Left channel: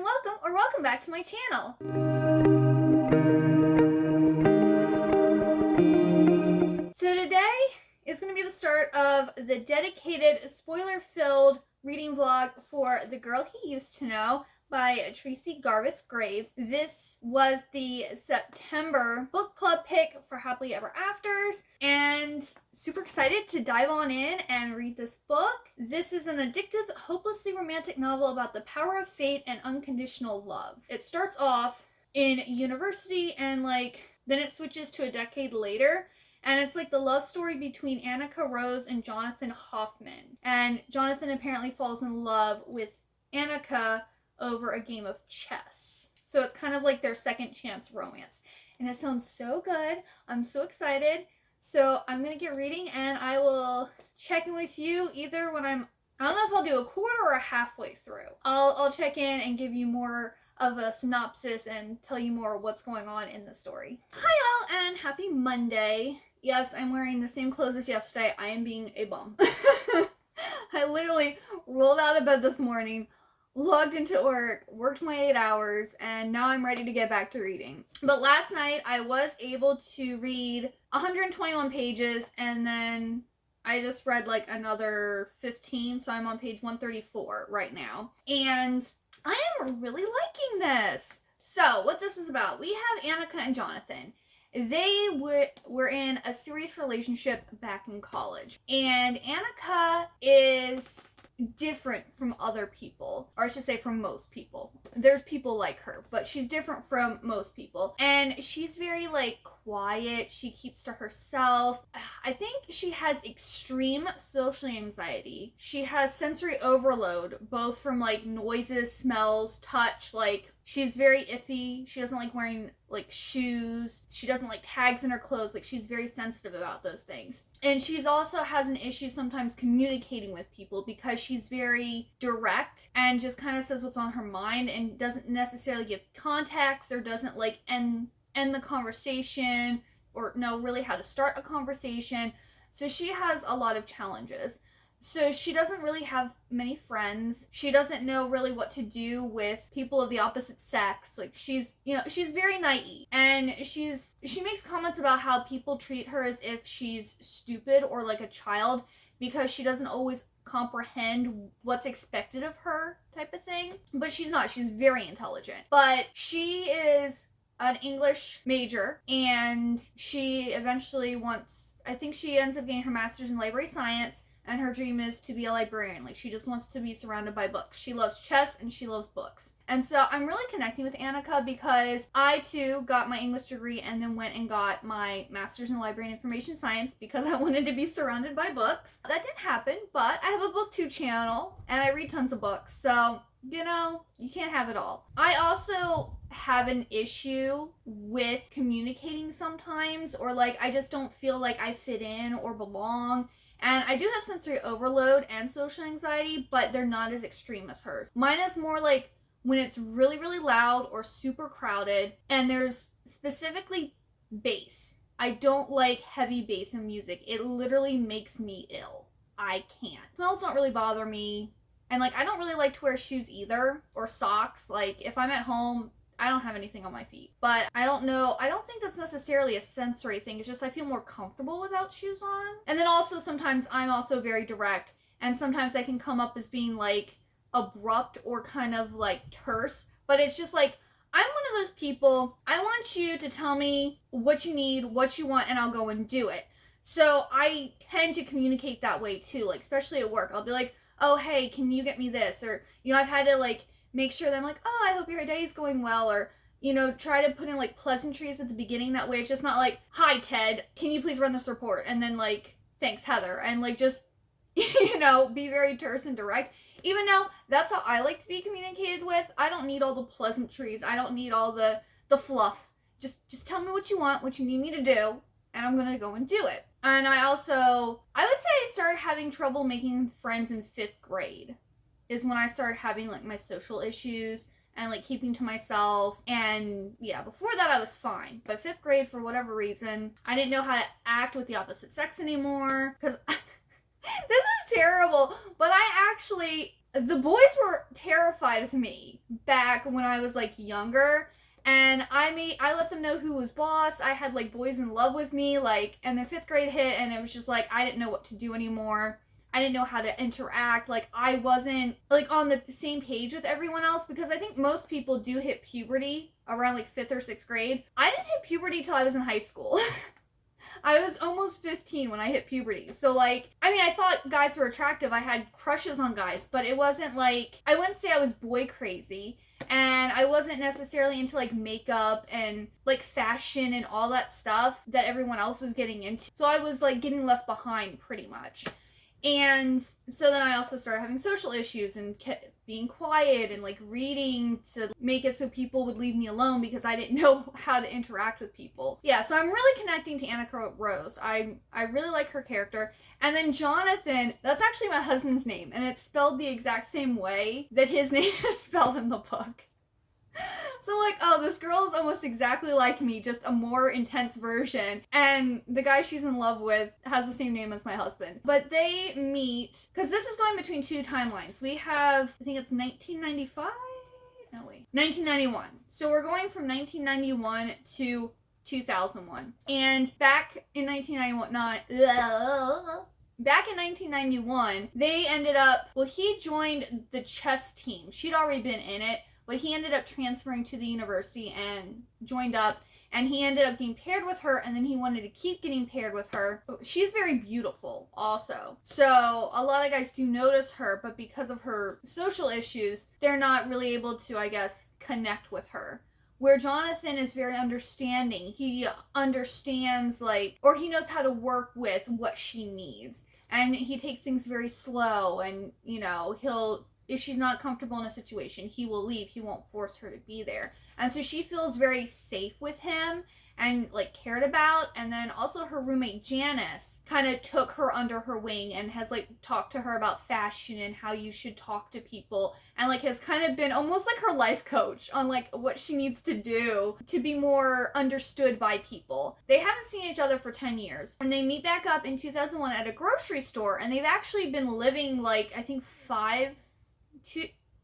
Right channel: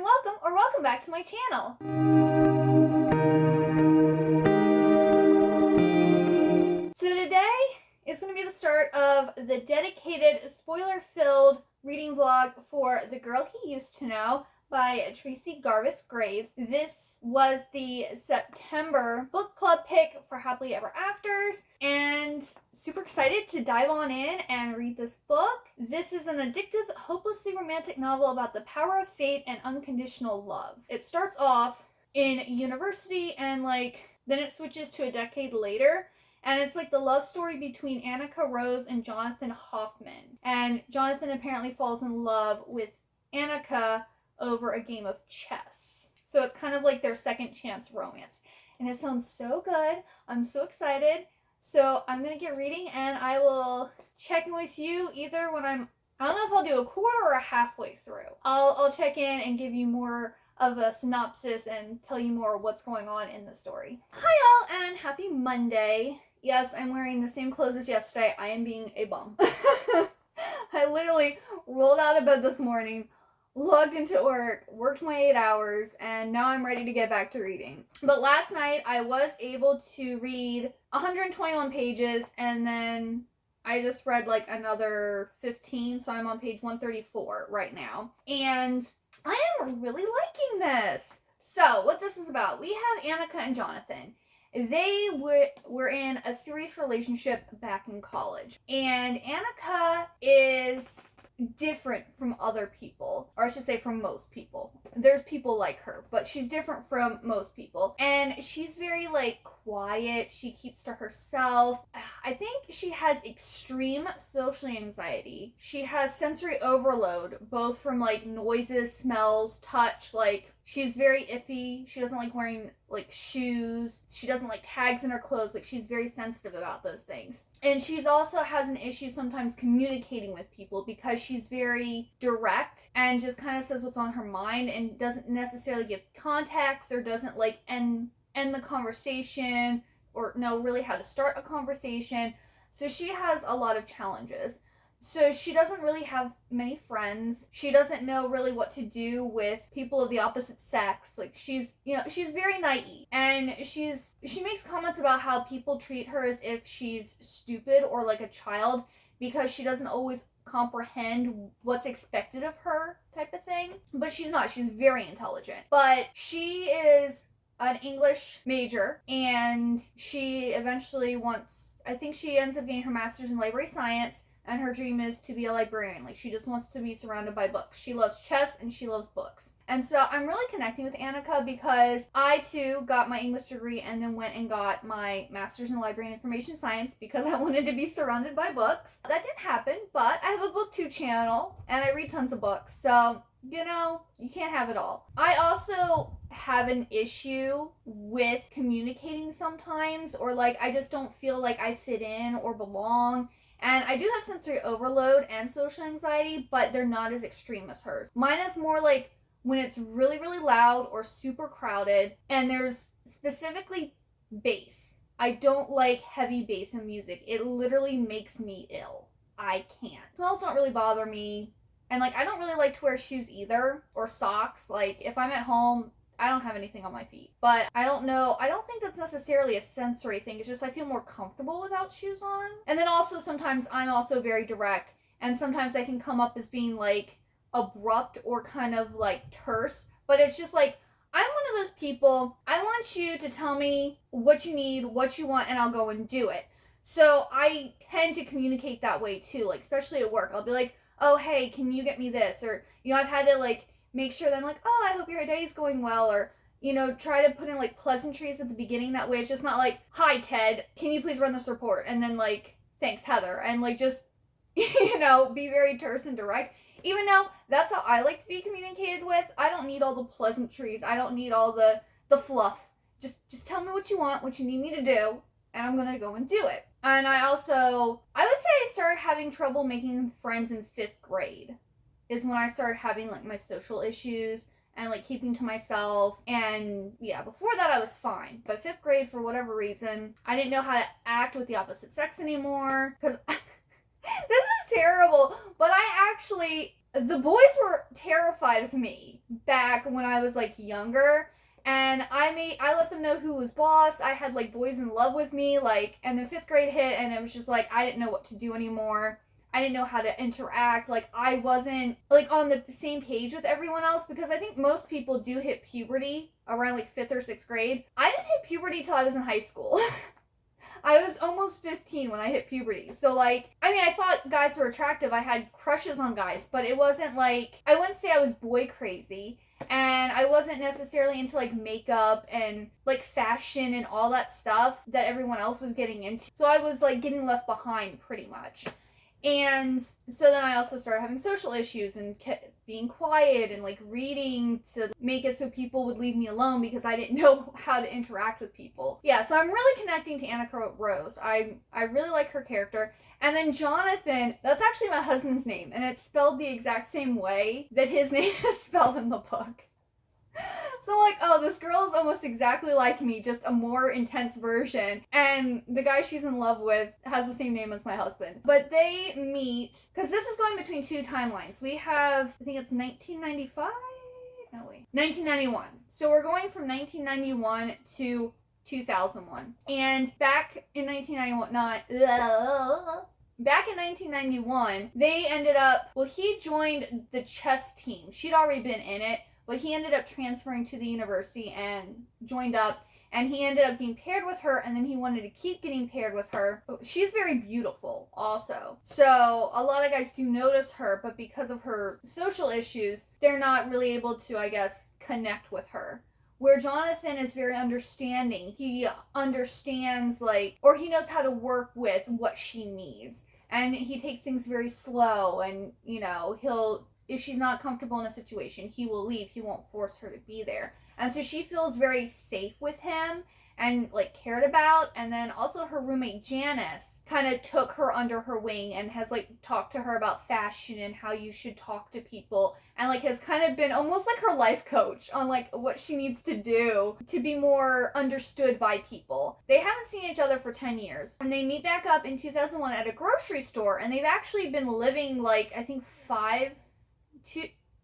and welcome back to my channel. So today is going to be the start of the dedicated spoiler-filled reading vlog for The Girl He Used to Know by Tracey Garvis Graves. This was the September book club pick for Happily Ever Afters, and super excited to dive on in and read this book. This is an addictive, hopelessly romantic novel about the power of fate and unconditional love. It starts off in university and then it switches to a decade later. And it's like the love story between Annika Rose and Jonathan Hoffman. And Jonathan apparently falls in love with Annika over a game of chess. So it's kind of like their second chance romance. And it sounds so good. I'm so excited. So I'm going to get reading and I will check in with you either when I don't know if I'll do a quarter or a halfway through. I'll check in and give you more of a synopsis and tell you more what's going on in the story. Hi y'all and happy Monday. Yes, I'm wearing the same clothes as yesterday. I am being a bum. I literally rolled out of bed this morning, logged into work, worked my 8 hours, and now I'm ready to get back to reading. But last night I was able to read 121 pages and then I just read another 15, so I'm on page 134 right now. And I am really liking this. So what this is about, we have Annika and Jonathan. They were in a serious relationship back in college. And Annika is different from other people, or I should say from most people. There's people like her, but she's different from most people. And she's very quiet. She keeps to herself. I think she has extreme social anxiety. She has sensory overload, both from noises, smells, touch. She's very iffy. She doesn't like wearing shoes. She doesn't like tags in her clothes. She's very sensitive about those things. And she's also has an issue sometimes communicating with people because she's very direct and just kind of says what's on her mind and doesn't necessarily give context or doesn't end the conversation or know really how to start a conversation. So she has a lot of challenges. So she doesn't really have many friends. She doesn't know really what to do with people of the opposite sex. She's very naive. And she makes comments about how people treat her as if she's stupid or like a child because she doesn't always comprehend what's expected of her type of thing. But she's not. She's very intelligent. But she is an English major and she eventually I think she ends up getting her master's in library science. And her dream is to be a librarian. She just wants to be surrounded by books. She loves chess and she loves books. And so I'm really connecting with Annika because I too got my English degree and then went and got my master's in library and information science because I wanted to be surrounded by books. That didn't happen, but I have a booktube channel and I read tons of books. So, you can't have it all. I also have an issue with communicating sometimes, or I just don't feel like I fit in or belong. And I do have sensory overload and social anxiety, but they're not as extreme as hers. Mine is more when it's really, really loud or super crowded, and there's specifically bass. I don't like heavy bass in music. It literally makes me ill. I can't. Smells don't really bother me. And I don't really like to wear shoes either, or socks. If I'm at home, I don't have anything on my feet. But I don't know. I don't think that's necessarily a sensory thing. It's just I feel more comfortable without shoes on. And then also sometimes I'm also very direct. And sometimes I can come up as being abrupt or kind of terse. But it's just I'm one of those people, I want you to tell me what you need, what you want, and I'll go and do it. So I tend to communicate that way too. Especially at work. I'll be oh, hey, can you get me this? Or, I've had to make sure that I'm oh, I hope your day is going well, or, try to put in pleasantries at the beginning. That way it's just not hi, Ted, can you please run this report? And then thanks, Heather. And just, be very terse and direct. Even though that's how I like to be communicated with, I don't need all the pleasantries. I don't need all the fluff. Just tell me what you want, what you need me to do, and I'm going to go and do it. And I would say I started having trouble making friends in 5th grade. Is when I started having my social issues and keeping to myself. And yeah, before that I was fine. But 5th grade, for whatever reason, I didn't know how to act with the opposite sex anymore. Because this is terrible. But I actually the boys were terrified of me back when I was like younger. And I let them know who was boss. I had like boys in love with me, like, and then 5th grade hit, and it was just like I didn't know what to do anymore. I didn't know how to interact. Like, I wasn't like on the same page with everyone else, because I think most people do hit puberty around like 5th or 6th grade. I didn't hit puberty till I was in high school. I was almost 15 when I hit puberty. So, like, I mean, I thought guys were attractive. I had crushes on guys, but it wasn't like, I wouldn't say I was boy crazy. And I wasn't necessarily into, like, makeup and, like, fashion and all that stuff that everyone else was getting into. So I was, like, getting left behind pretty much. And so then I also started having social issues and being quiet and like reading to make it so people would leave me alone because I didn't know how to interact with people. Yeah, so I'm really connecting to Annika Rose. I really like her character. And then Jonathan, that's actually my husband's name, and it's spelled the exact same way that his name is spelled in the book. So I'm like, oh, this girl is almost exactly like me, just a more intense version. And the guy she's in love with has the same name as my husband. But they meet, because this is going between 2 timelines. We have, I think it's 1995? No, wait. 1991. So we're going from 1991 to 2001. And back in 1991, they ended up, well, he joined the chess team. She'd already been in it. But he ended up transferring to the university and joined up, and he ended up being paired with her, and then he wanted to keep getting paired with her. She's very beautiful also. So a lot of guys do notice her, but because of her social issues, they're not really able to, I guess, connect with her. Where Jonathan is very understanding. He understands, like, or he knows how to work with what she needs. And he takes things very slow, and, you know, if she's not comfortable in a situation, he will leave. He won't force her to be there. And so she feels very safe with him and, like, cared about. And then also her roommate, Janice, kind of took her under her wing and has, like, talked to her about fashion and how you should talk to people. And, like, has kind of been almost like her life coach on, like, what she needs to do to be more understood by people. They haven't seen each other for 10 years. And they meet back up in 2001 at a grocery store. And they've actually been living, like, I think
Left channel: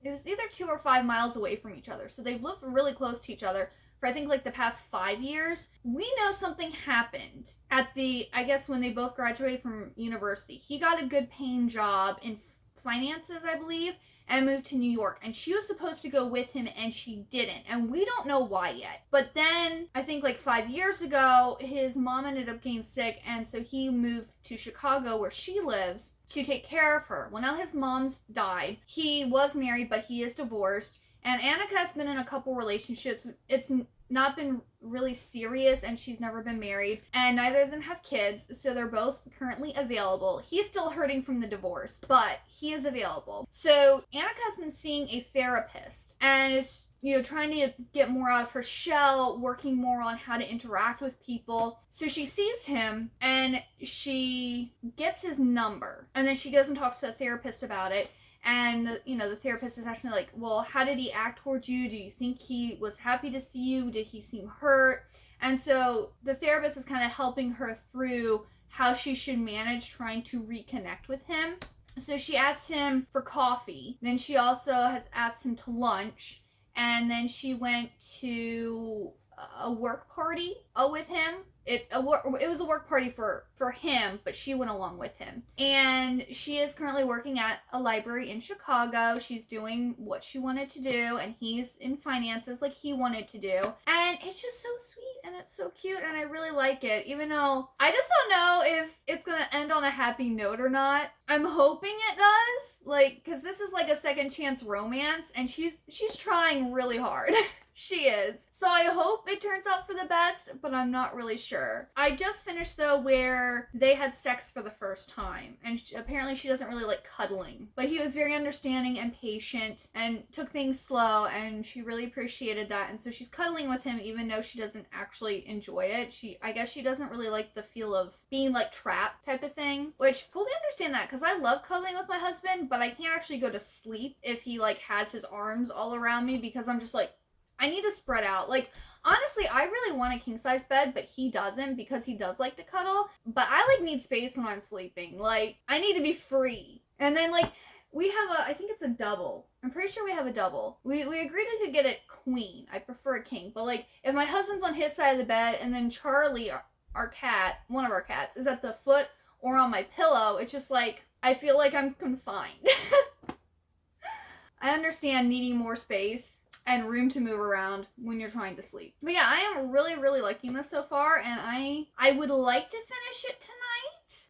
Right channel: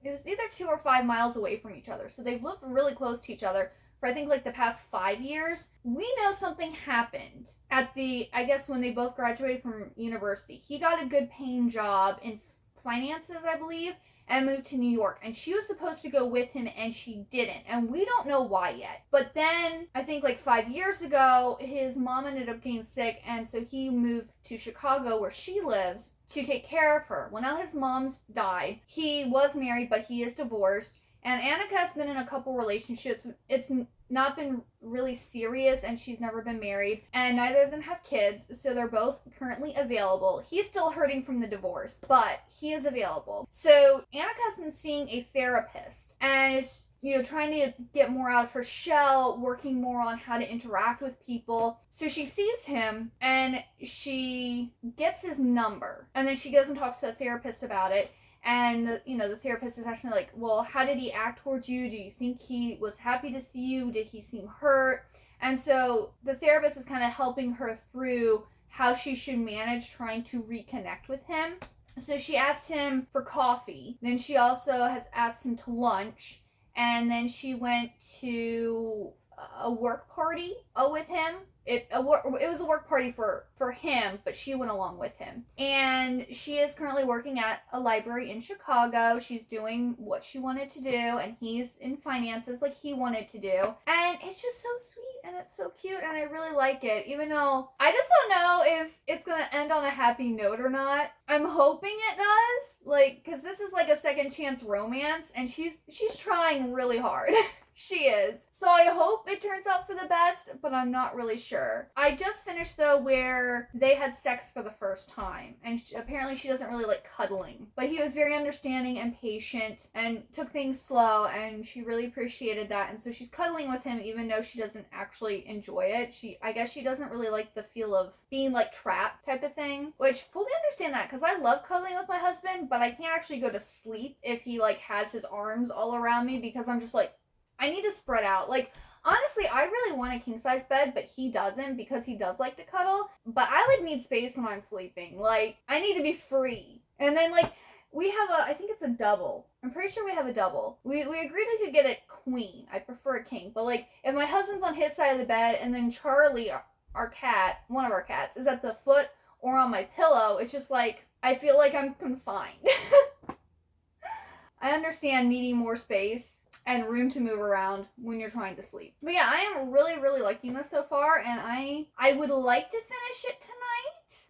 it was either 2 or 5 miles away from each other. So they've lived really close to each other for I think like the past 5 years. We know something happened at I guess when they both graduated from university. He got a good paying job in finances, I believe, and moved to New York. And she was supposed to go with him, and she didn't. And we don't know why yet. But then, I think like 5 years ago, his mom ended up getting sick, and so he moved to Chicago, where she lives, to take care of her. Well, now his mom's died. He was married, but he is divorced. And Annika has been in a couple relationships. It's not been really serious, and she's never been married. And neither of them have kids, so they're both currently available. He's still hurting from the divorce, but he is available. So Annika's been seeing a therapist, and is, you know, trying to get more out of her shell, working more on how to interact with people. So she sees him, and she gets his number, and then she goes and talks to the therapist about it. And, you know, the therapist is actually like, well, how did he act towards you? Do you think he was happy to see you? Did he seem hurt? And so the therapist is kind of helping her through how she should manage trying to reconnect with him. So she asked him for coffee. Then she also has asked him to lunch. And then she went to a work party with him. It was a work party for him, but she went along with him. And she is currently working at a library in Chicago. She's doing what she wanted to do, and he's in finances like he wanted to do. And it's just so sweet, and it's so cute, and I really like it, even though I just don't know if it's going to end on a happy note or not. I'm hoping it does, like, because this is like a second chance romance, and she's trying really hard. She is. So I hope it turns out for the best, but I'm not really sure. I just finished, though, where they had sex for the first time. And apparently she doesn't really like cuddling. But he was very understanding and patient and took things slow, and she really appreciated that. And so she's cuddling with him even though she doesn't actually enjoy it. I guess she doesn't really like the feel of being like trapped type of thing. Which, totally understand that, because I love cuddling with my husband, but I can't actually go to sleep if he like has his arms all around me, because I'm just like, I need to spread out. Like, honestly, I really want a king-size bed, but he doesn't, because he does like to cuddle. But I, like, need space when I'm sleeping. Like, I need to be free. And then, like, We have I think it's a double. I'm pretty sure we have a double. We agreed we could get a queen. I prefer a king. But, like, if my husband's on his side of the bed and then Charlie, our cat, one of our cats, is at the foot or on my pillow, it's just like, I feel like I'm confined. I understand needing more space and room to move around when you're trying to sleep. But yeah, I am really, really liking this so far, and I would like to finish it tonight.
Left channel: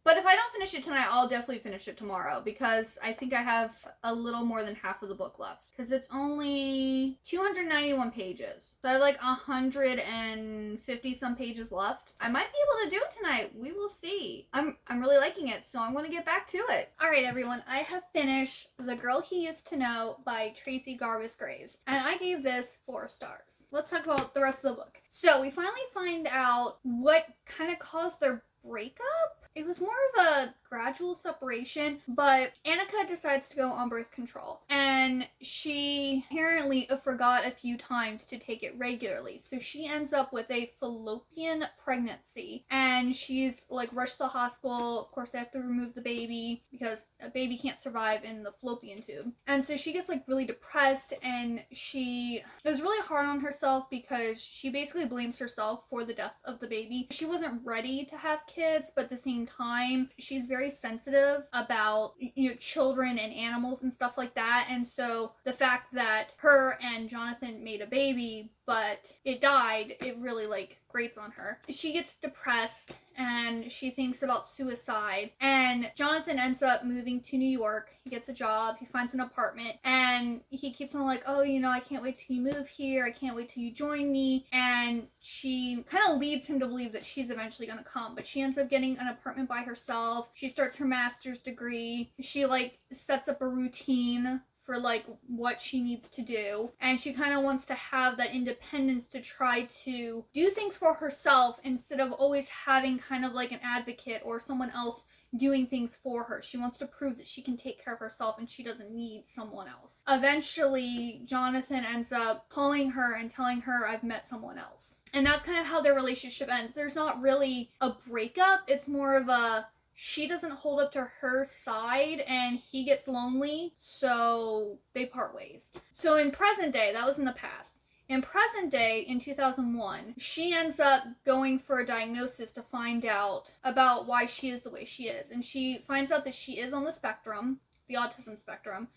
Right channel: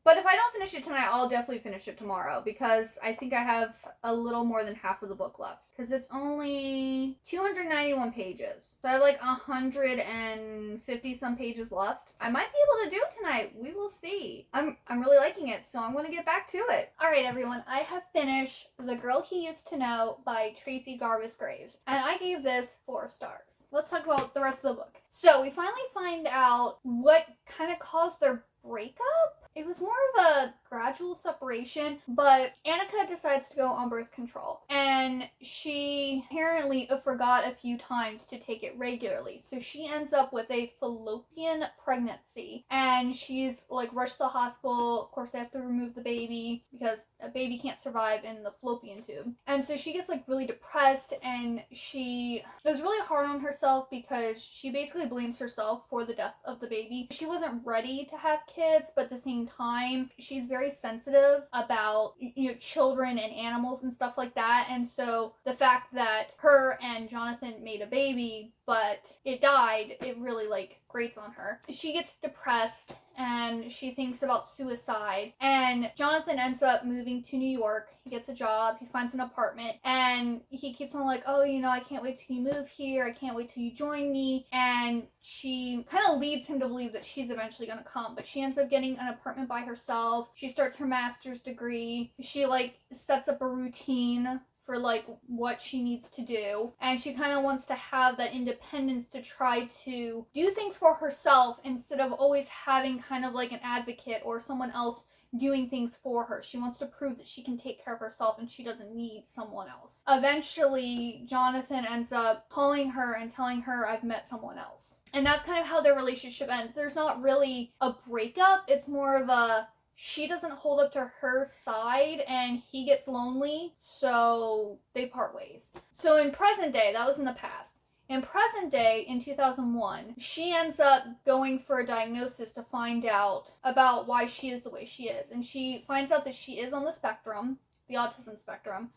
But if I don't finish it tonight, I'll definitely finish it tomorrow, because I think I have a little more than half of the book left. Because it's only 291 pages. So I have like 150 some pages left. I might be able to do it tonight. We will see. I'm really liking it, so I'm going to get back to it. Alright everyone, I have finished The Girl He Used to Know by Tracey Garvis Graves. And I gave this 4 stars. Let's talk about the rest of the book. So we finally find out what kind of caused their breakup. It was more of a gradual separation, but Annika decides to go on birth control. And she apparently forgot a few times to take it regularly. So she ends up with a fallopian pregnancy. And she's like rushed to the hospital. Of course, they have to remove the baby because a baby can't survive in the fallopian tube. And so she gets like really depressed, and she is really hard on herself because she basically blames herself for the death of the baby. She wasn't ready to have kids, but at the same time, she's very sensitive about, you know, children and animals and stuff like that. And so the fact that her and Jonathan made a baby but it died, it really like grates on her. She gets depressed and she thinks about suicide, and Jonathan ends up moving to New York. He gets a job, he finds an apartment, and he keeps on like, oh, you know, I can't wait till you move here, I can't wait till you join me. And she kind of leads him to believe that she's eventually gonna come, but she ends up getting an apartment by herself. She starts her master's degree. She like sets up a routine for like what she needs to do, and she kind of wants to have that independence to try to do things for herself instead of always having kind of like an advocate or someone else doing things for her. She wants to prove that she can take care of herself and she doesn't need someone else. Eventually, Jonathan ends up calling her and telling her, I've met someone else. And that's kind of how their relationship ends. There's not really a breakup. It's more of a, she doesn't hold up to her side and he gets lonely, so they part ways. So in present day, that was in the past. In present day, in 2001, she ends up going for a diagnosis to find out about why she is the way she is. And she finds out that she is on the spectrum, the autism spectrum.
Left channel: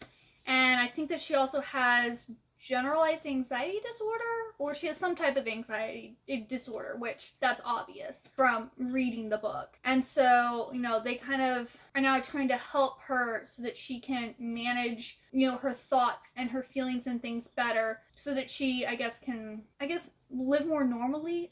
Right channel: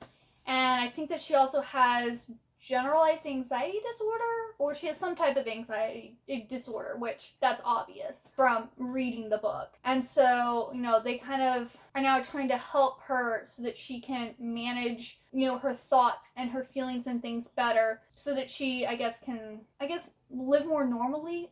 And I think that she also has generalized anxiety disorder, or she has some type of anxiety disorder, which that's obvious from reading the book. And so, you know, they kind of are now trying to help her so that she can manage, you know, her thoughts and her feelings and things better, so that she, can live more normally,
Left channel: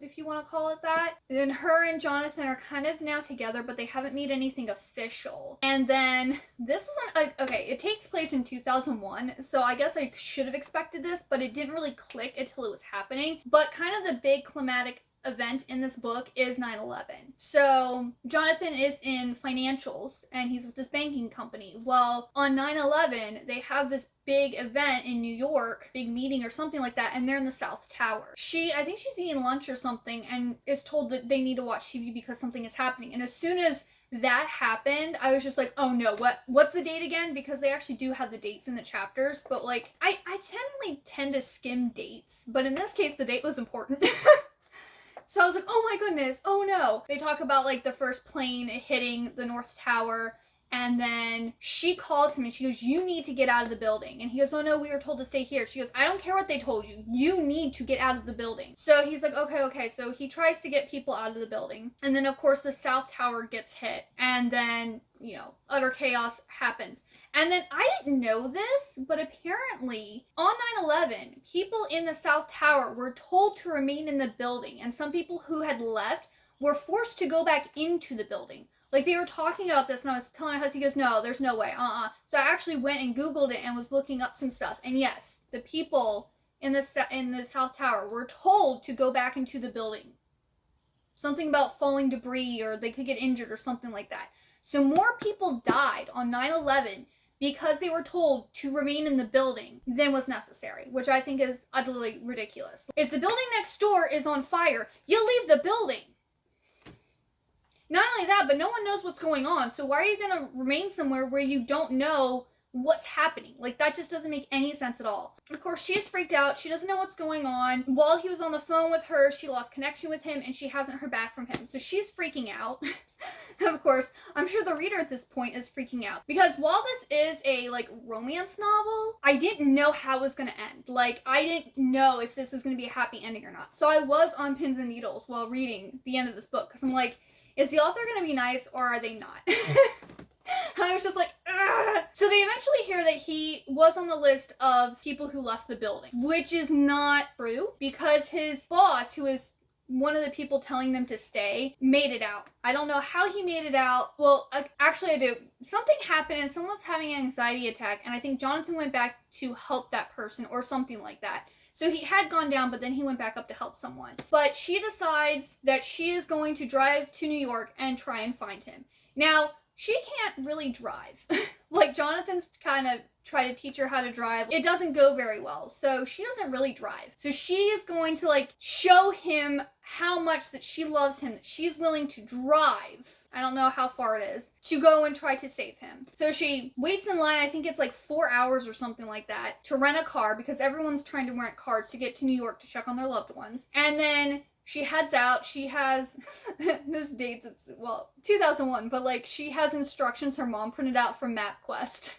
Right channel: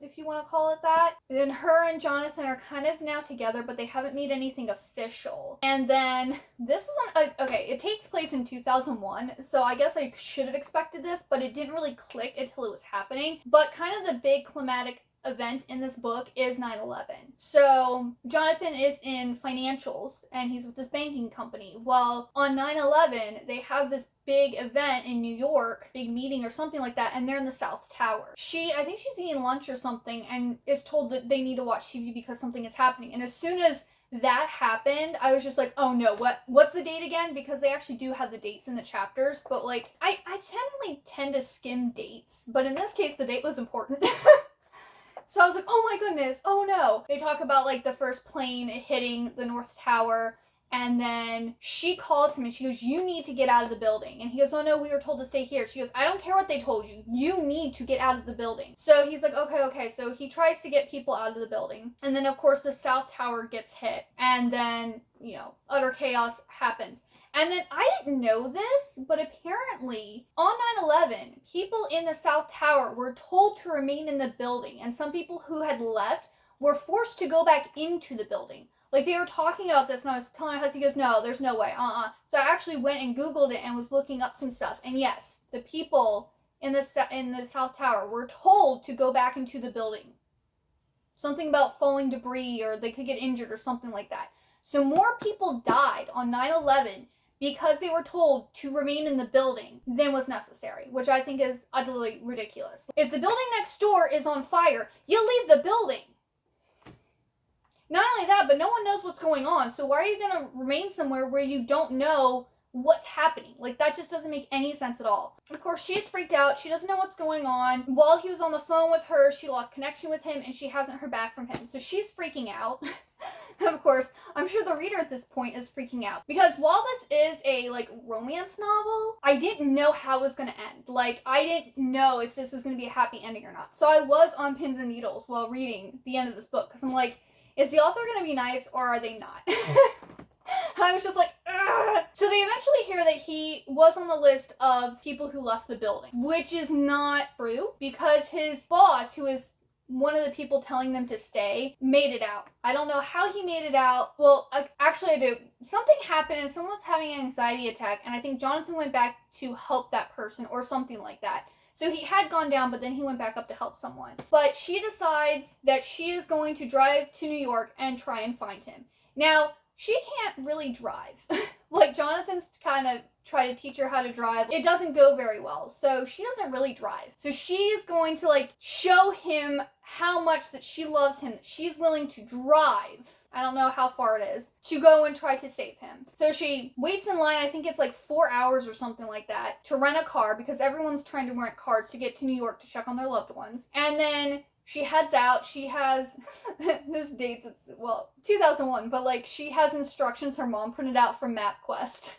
if you want to call it that. And then her and Jonathan are kind of now together, but they haven't made anything official. And then this is it takes place in 2001, so I guess I should have expected this, but it didn't really click until it was happening. But kind of the big climatic event in this book is 9/11. So Jonathan is in financials and he's with this banking company. Well, on 9/11 they have this big event in New York, big meeting or something like that, and they're in the South Tower. I think she's eating lunch or something and is told that they need to watch TV because something is happening. And as soon as that happened, I was just like, oh no, what's the date again? Because they actually do have the dates in the chapters, but like I generally tend to skim dates, but in this case the date was important. So I was like, oh my goodness, oh no. They talk about like the first plane hitting the North Tower, and then she calls him and she goes, you need to get out of the building. And he goes, oh no, we were told to stay here. She goes, I don't care what they told you. You need to get out of the building. So he's like, okay. So he tries to get people out of the building. And then of course the South Tower gets hit. And then, you know, utter chaos happens. And then I didn't know this, but apparently on 9/11, people in the South Tower were told to remain in the building. And some people who had left were forced to go back into the building. Like, they were talking about this, and I was telling my husband, he goes, no, there's no way, So I actually went and Googled it and was looking up some stuff. And yes, the people in the South Tower were told to go back into the building. Something about falling debris, or they could get injured or something like that. So more people died on 9/11 because they were told to remain in the building than was necessary, which I think is utterly ridiculous. If the building next door is on fire, you leave the building. Not only that, but no one knows what's going on. So why are you going to remain somewhere where you don't know what's happening? Like, that just doesn't make any sense at all. Of course, she's freaked out. She doesn't know what's going on. While he was on the phone with her, she lost connection with him, and she hasn't heard back from him. So she's freaking out. Of course, I'm sure the reader at this point is freaking out. Because while this is a, like, romance novel, I didn't know how it was going to end. Like, I didn't know if this was going to be a happy ending or not. So I was on pins and needles while reading the end of this book. Because I'm like, is the author going to be nice, or are they not? I was just like, ugh. So they eventually hear that he was on the list of people who left the building, which is not true, because his boss, who is one of the people telling them to stay, made it out. I don't know how he made it out. Well, actually I do. Something happened and someone was having an anxiety attack, and I think Jonathan went back to help that person or something like that. So he had gone down, but then he went back up to help someone. But she decides that she is going to drive to New York and try and find him. Now, she can't really drive. Like, Jonathan's kind of tried to teach her how to drive. It doesn't go very well, so she doesn't really drive. So she's going to, like, show him how much that she loves him, that she's willing to drive, I don't know how far it is, to go and try to save him. So she waits in line, I think it's like 4 hours or something like that, to rent a car, because everyone's trying to rent cars to get to New York to check on their loved ones. And then she heads out. She has, this dates, it's, well, 2001, but, like, she has instructions her mom printed out from MapQuest.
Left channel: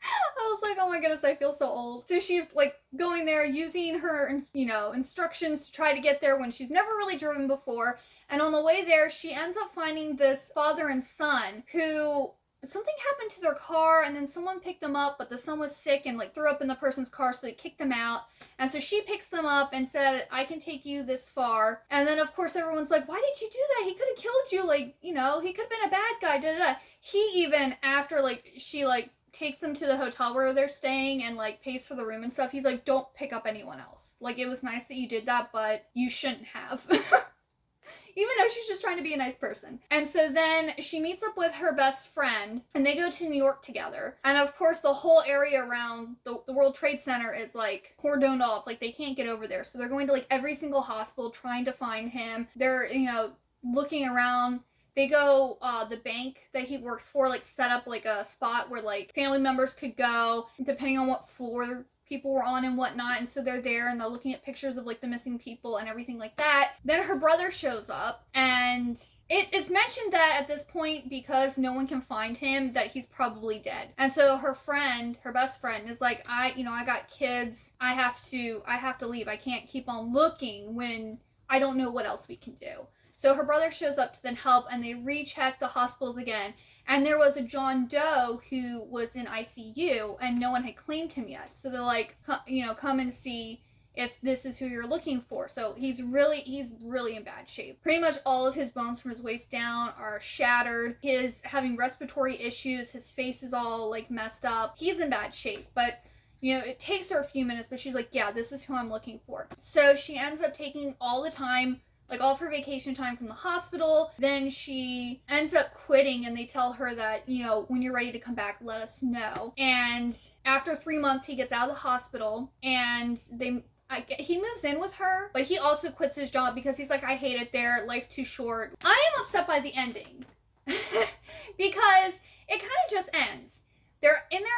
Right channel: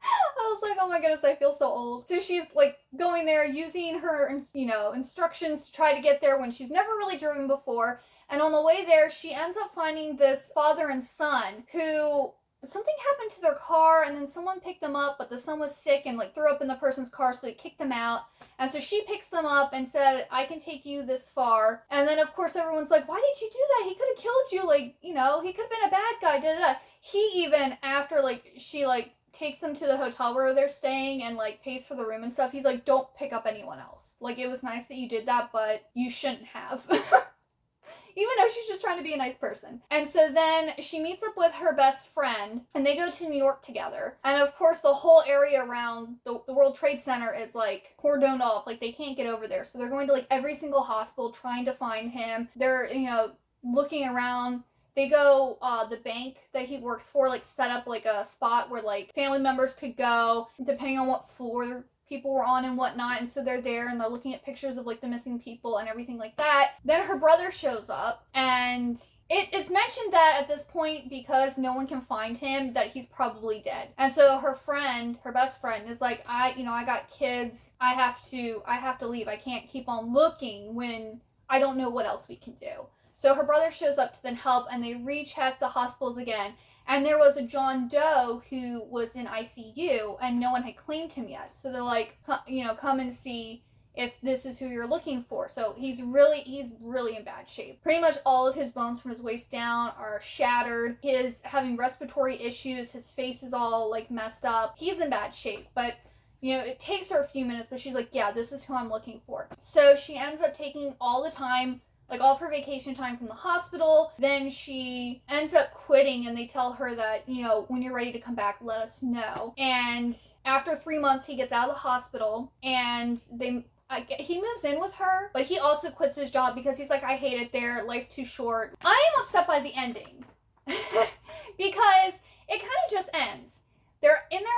I was like, oh my goodness, I feel so old. So she's, like, going there using her, you know, instructions to try to get there when she's never really driven before. And on the way there, she ends up finding this father and son who, something happened to their car, and then someone picked them up, but the son was sick and, like, threw up in the person's car, so they kicked them out. And so she picks them up and said, I can take you this far. And then, of course, everyone's like, why did you do that? He could have killed you. Like, you know, he could have been a bad guy, da-da-da. He even, after, like, she, like, takes them to the hotel where they're staying and, like, pays for the room and stuff, he's like, don't pick up anyone else. Like, it was nice that you did that, but you shouldn't have. Even though she's just trying to be a nice person. And so then she meets up with her best friend, and they go to New York together. And of course, the whole area around the World Trade Center is, like, cordoned off. Like, they can't get over there. So they're going to, like, every single hospital trying to find him. They're, you know, looking around. They go, the bank that he works for, like, set up, like, a spot where, like, family members could go, depending on what floor people were on and whatnot. And so they're there, and they're looking at pictures of, like, the missing people and everything like that. Then her brother shows up, and it's mentioned that at this point, because no one can find him, that he's probably dead. And so her friend, her best friend, is like, I got kids. I have to leave. I can't keep on looking when I don't know what else we can do. So her brother shows up to then help, and they recheck the hospitals again. And there was a John Doe who was in ICU, and no one had claimed him yet. So they're like, you know, come and see if this is who you're looking for. So he's really in bad shape. Pretty much all of his bones from his waist down are shattered. He's having respiratory issues. His face is all, like, messed up. He's in bad shape, but, you know, it takes her a few minutes, but she's like, yeah, this is who I'm looking for. So she ends up taking all the time, like, all of her vacation time from the hospital. Then she ends up quitting, and they tell her that, you know, when you're ready to come back, let us know. And after 3 months, he gets out of the hospital, and he moves in with her, but he also quits his job because he's like, I hate it there. Life's too short. I am upset by the ending because it kind of just ends. They're in there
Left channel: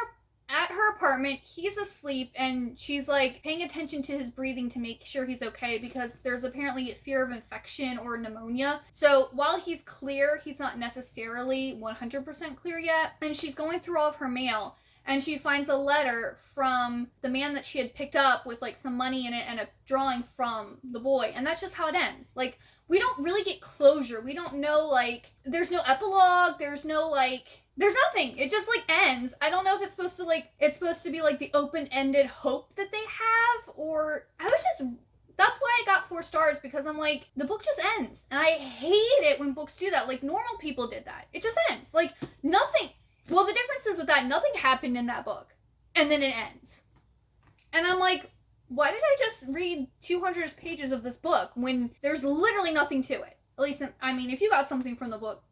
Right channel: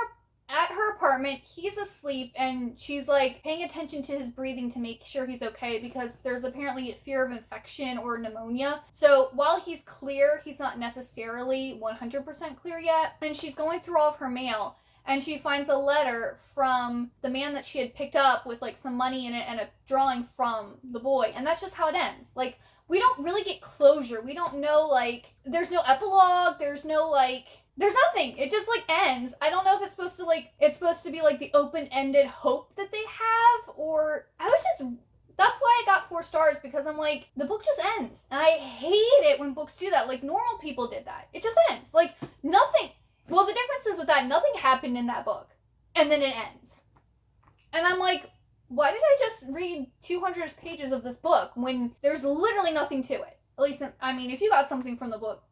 at her apartment, he's asleep, and she's, like, paying attention to his breathing to make sure he's okay, because there's apparently a fear of infection or pneumonia. So while he's clear, he's not necessarily 100% clear yet. And she's going through all of her mail, and she finds a letter from the man that she had picked up with, like, some money in it and a drawing from the boy. And that's just how it ends. Like, we don't really get closure. We don't know, like, there's no epilogue, there's no, like, there's nothing. It just, like, ends. I don't know if it's supposed to be, like, the open-ended hope that they have, or that's why I got 4 stars, because I'm like, the book just ends. And I hate it when books do that. Like, normal people did that. It just ends. Like, nothing. Well, the difference is with that, nothing happened in that book. And then it ends. And I'm like, why did I just read 200 pages of this book when there's literally nothing to it? At least, I mean, if you got something from the book,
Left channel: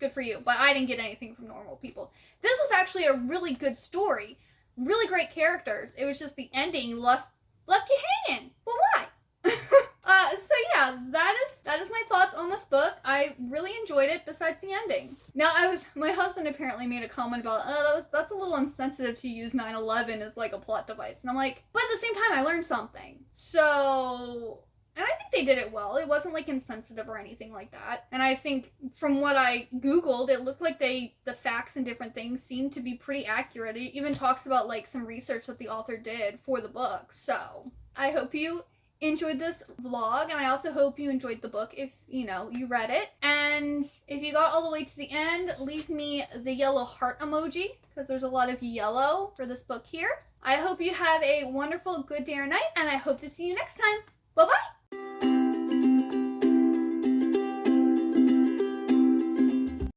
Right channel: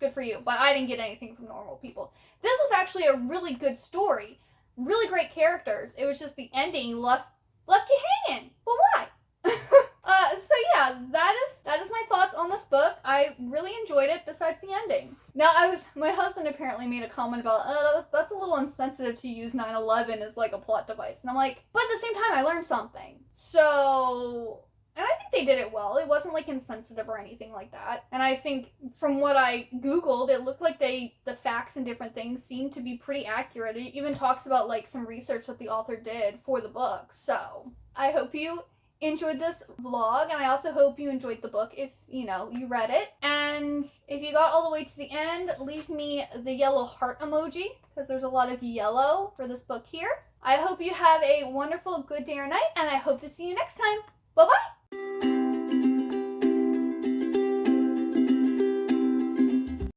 good for you, but I didn't get anything from normal people. This was actually a really good story. Really great characters. It was just the ending left you hanging. But why? So yeah, that is my thoughts on this book. I really enjoyed it besides the ending. Now my husband apparently made a comment about, that's a little insensitive to use 9/11 as like a plot device. And I'm like, but at the same time I learned something. So, and I think they did it well. It wasn't like insensitive or anything like that. And I think from what I Googled, it looked like the facts and different things seemed to be pretty accurate. It even talks about like some research that the author did for the book. So I hope you enjoyed this vlog, and I also hope you enjoyed the book if you read it. And if you got all the way to the end, leave me the yellow heart emoji because there's a lot of yellow for this book here. I hope you have a wonderful good day or night, and I hope to see you next time. Bye bye.